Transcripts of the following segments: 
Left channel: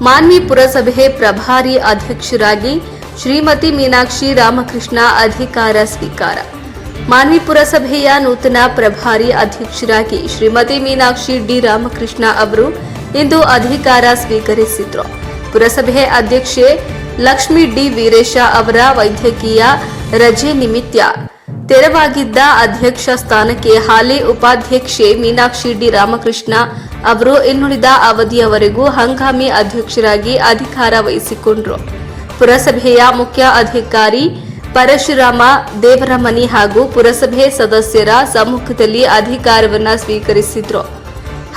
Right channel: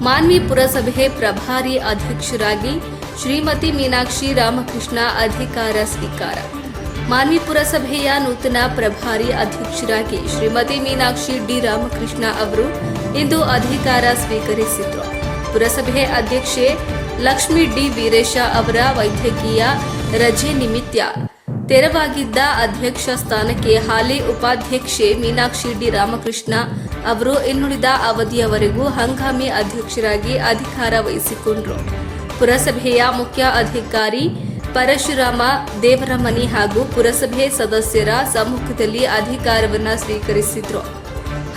ಮಾನ್ವಿ ಪುರಸಭೆ ಪ್ರಭಾರಿ ಅಧ್ಯಕ್ಷರಾಗಿ ಶ್ರೀಮತಿ ಮೀನಾಕ್ಷಿ ರಾಮಕೃಷ್ಣ ಅಧಿಕಾರ ಸ್ವೀಕಾರ. ಮಾನ್ವಿ ಪುರಸಭೆಯ ನೂತನ ಪ್ರಭಾರಿ ಅಧ್ಯಕ್ಷರಾಗಿ ಶ್ರೀಮತಿ ಮೀನಾಕ್ಷಿ ಡಿ ರಾಮಕೃಷ್ಣ ಅವರು ಇಂದು ಅಧಿಕಾರ ಸ್ವೀಕರಿಸಿದ್ರು. ಪುರಸಭೆ ಅಧ್ಯಕ್ಷೆ ಲಕ್ಷ್ಮಿ ಡಿ ವೀರೇಶ ಅವರ ವೈದ್ಯಕೀಯ ರಜೆ ನಿಮಿತ್ತ ತೆರವಾಗಿದ್ದ ಅಧ್ಯಕ್ಷ ಸ್ಥಾನಕ್ಕೆ ಹಾಲಿ ಉಪಾಧ್ಯಕ್ಷೆ ಮೀನಾಕ್ಷಿ ಡಿ ರಾಮಕೃಷ್ಣ ಅವರು ಇನ್ನುಳಿದ ಅವಧಿಯವರೆಗೂ ಹಂಗಾಮಿ ಅಧ್ಯಕ್ಷರಾಗಿ ಅಧಿಕಾರ ವಹಿಸಿಕೊಂಡರು. ಪುರಸಭೆಯ ಮುಖ್ಯ ಅಧಿಕಾರಿ ಪರಶುರಾಮ ದೇವರಮನಿ ಹಾಗೂ ಪುರಸಭೆ ಸದಸ್ಯರ ಸಮ್ಮುಖದಲ್ಲಿ ಅಧಿಕಾರವನ್ನು ಸ್ವೀಕರಿಸಿದ್ರು.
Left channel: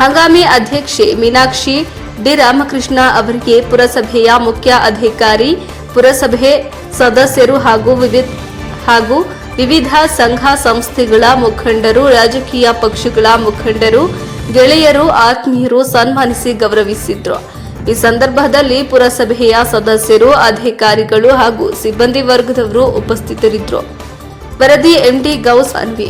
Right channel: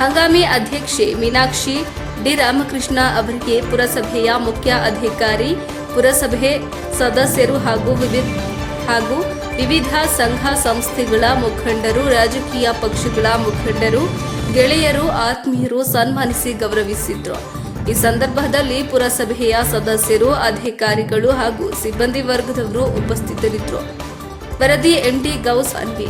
ಹಂಗಾಮಿ ಅಧ್ಯಕ್ಷೆ ಮೀನಾಕ್ಷಿ ಡಿ ರಾಮಕೃಷ್ಣ ಅವರಿಗೆ ಪುರಸಭೆಯ ಮುಖ್ಯ ಅಧಿಕಾರಿ, ಪುರಸಭೆ ಸದಸ್ಯರು ಹಾಗೂ ವಿವಿಧ ಹಾಗೂ ವಿವಿಧ ಸಂಘ ಸಂಸ್ಥೆಗಳ ಮುಖಂಡರು, ರಾಜಕೀಯ ಪಕ್ಷಗಳ ಮುಖಂಡರು, ಗೆಳೆಯರು, ಆತ್ಮೀಯರು ಸನ್ಮಾನಿಸಿ ಗೌರವಿಸಿದ್ರು. ಈ ಸಂದರ್ಭದಲ್ಲಿ ಪುರಸಭೆಯ ಸದಸ್ಯರು, ಅಧಿಕಾರಿಗಳು ಹಾಗೂ ಸಿಬ್ಬಂದಿ ವರ್ಗದವರು ಉಪಸ್ಥಿತರಿದ್ದರು. ವರದಿ ಎಂಡಿ ಗೌಸ್ ಅನ್ವಿ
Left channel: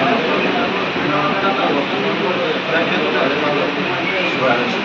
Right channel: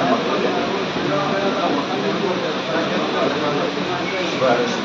Gracias.